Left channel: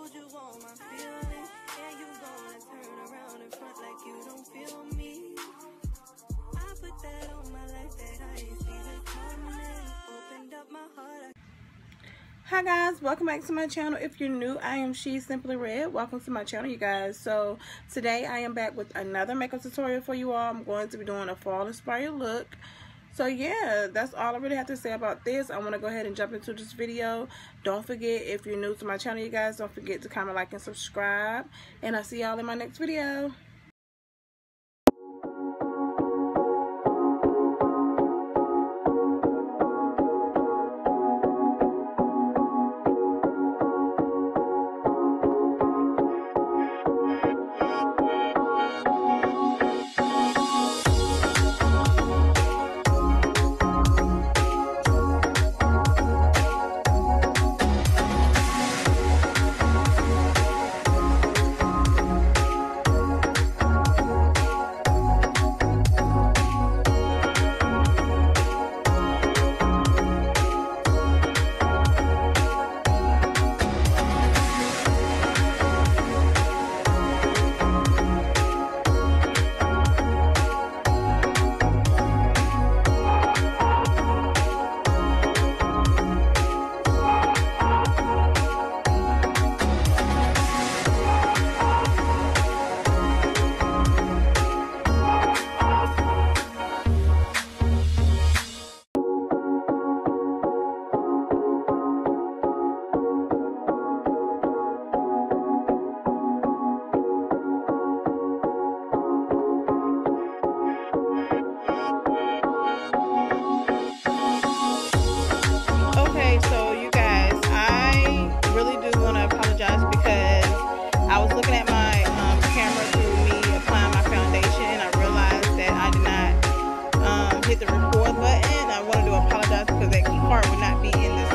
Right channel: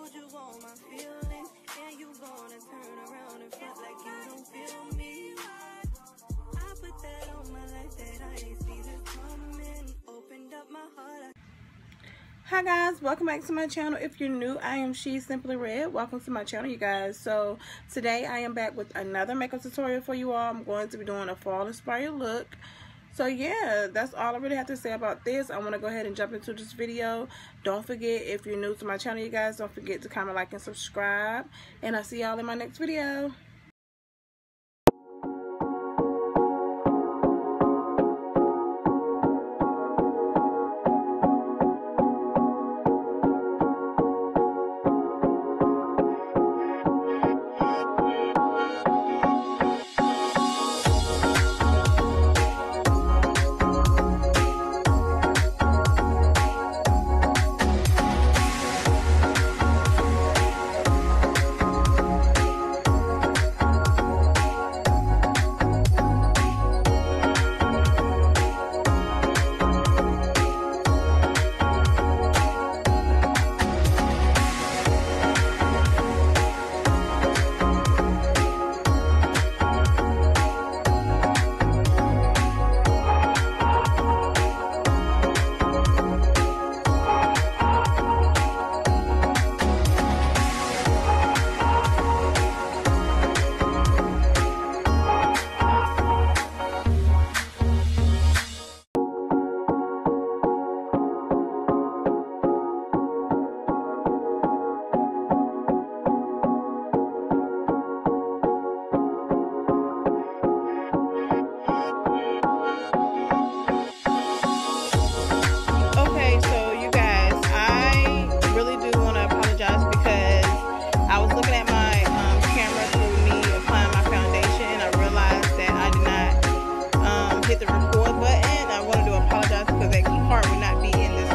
told you all my feelings, and you gonna turn around in front like you don't feel me. I put that on my life that I ain't seen it coming. Opened up my heart. Hi guys, welcome back to my channel. If you're new, I am She Simply Red. Welcome to my channel, you guys. So today I am back with another makeup tutorial for you all. I'm going to be doing a fall inspired look. So yeah, that's all I really have to say about this. I want to go ahead and jump into this video. Don't forget, if you're new to my channel, you guys, don't forget to comment, like, and subscribe. And I'll see y'all in my next video. So you guys, I really do want to apologize because I was looking at my camera through me applying my foundation, and I realized that I did not hit the record button. I wanted to apologize because that key part would not be in this